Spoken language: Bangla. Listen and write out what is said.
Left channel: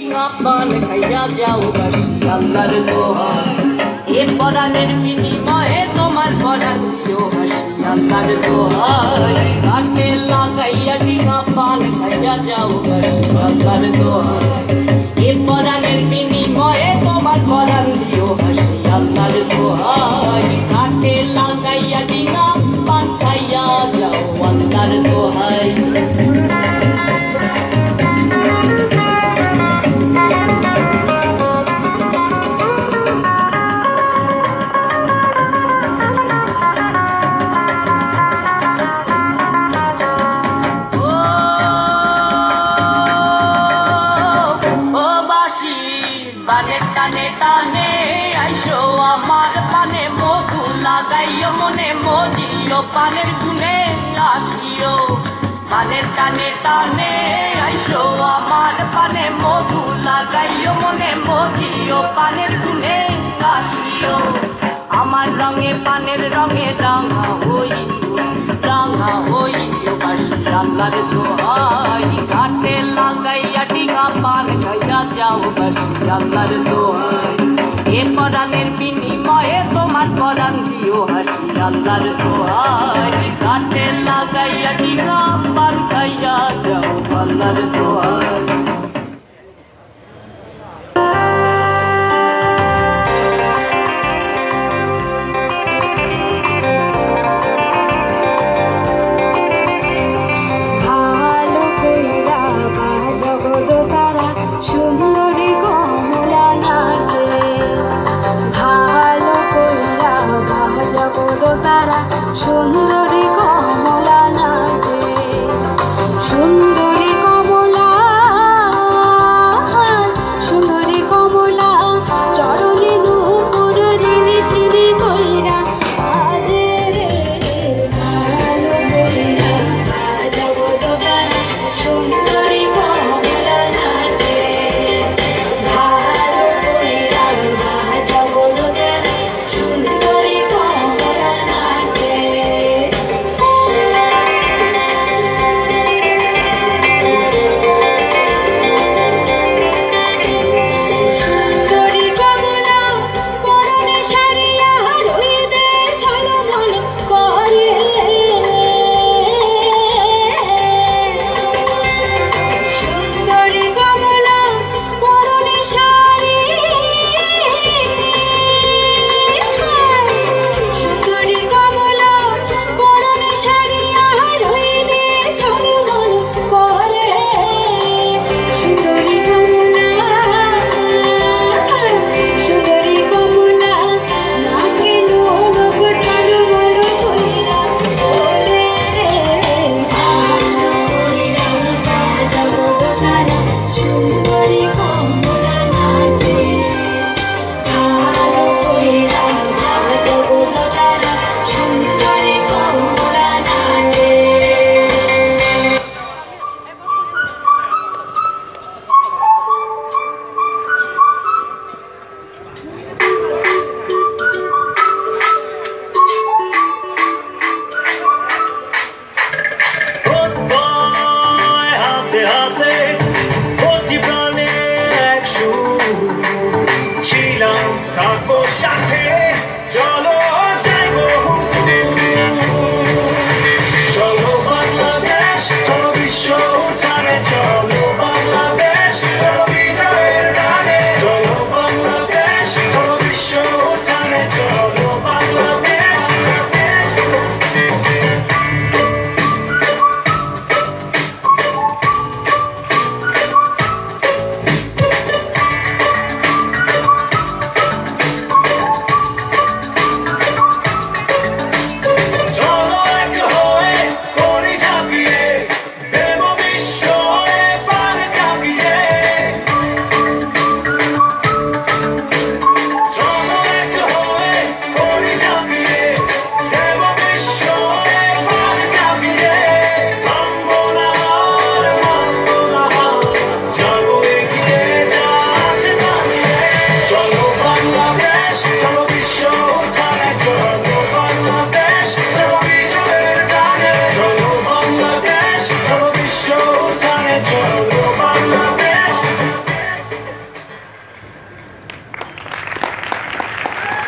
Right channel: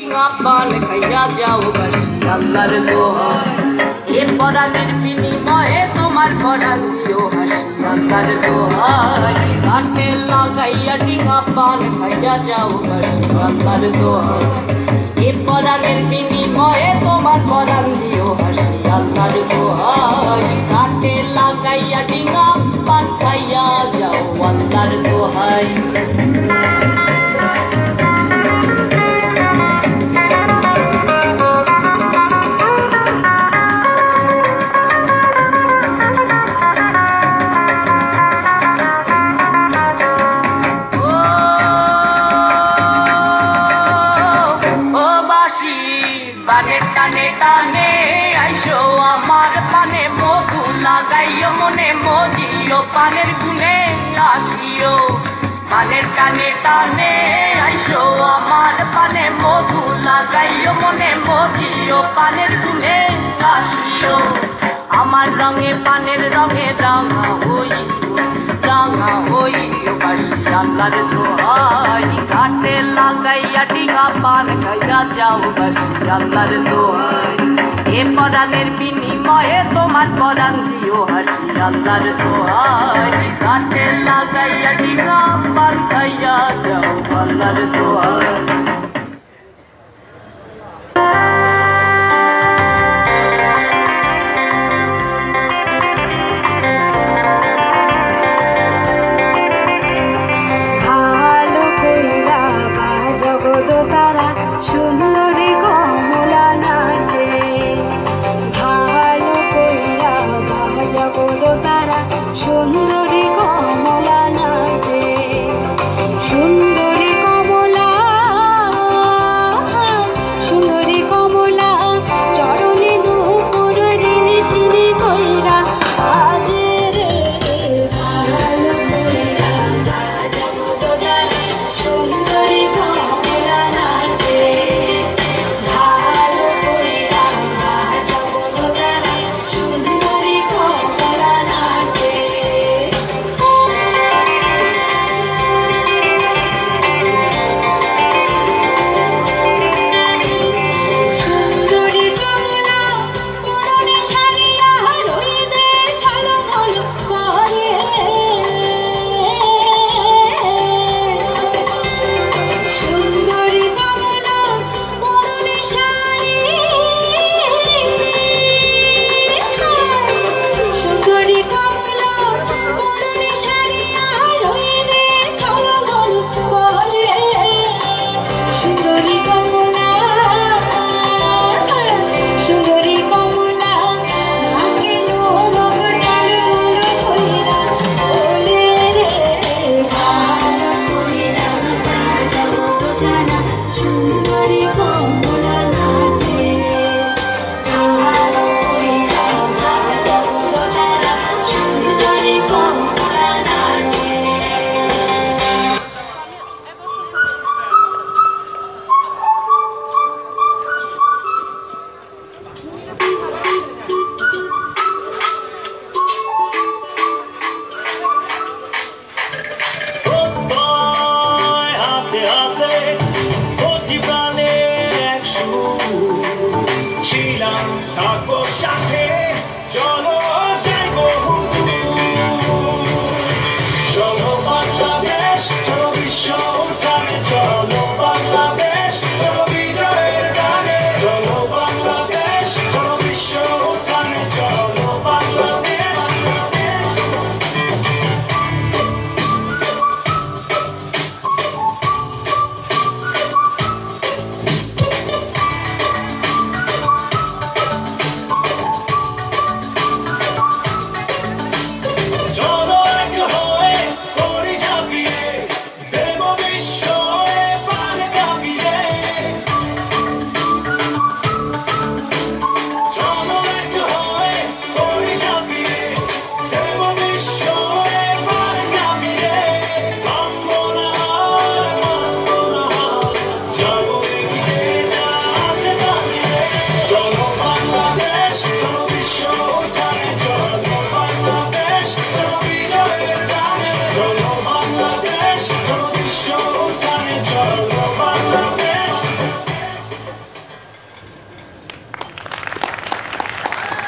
পান খাইয়া যাও বাসি আল্লাহর দোহাই এ পরাণের বিনিময়ে তোমার পরাণ দিও হাসি আল্লাহর দোহাই ঘাটে লাগাইয়া ডিঙা পান খাইয়া যাও বাসি আল্লাহর দোহাই এ পরাণের বিনিময়ে তোমার পরাণ দিও হাসি আল্লাহর দোহাই ঘাটে লাগাইয়া ডিঙা পান খাইয়া যাও আল্লাহর দোহাই টানে টানে আইসো আমার পানে মধু লাগাইও মনে মজিও পানের গুনে আসিও পানের টানে টানে আইসো আমার পানে মধু লাগাইও মনে মজিও পানের গুনে আসিও আমার রঙে পানের রঙে রাঙা হইও বাসি আল্লাহর দোহাই ঘাটে লাগাইয়া ডিঙা পান খাইয়া যাও বাসি আল্লাহর দোহাই এ পরাণের বিনিময়ে তোমার পরাণ দিও হাসি আল্লাহর দোহাই ঘাটে লাগাইয়া ডিঙা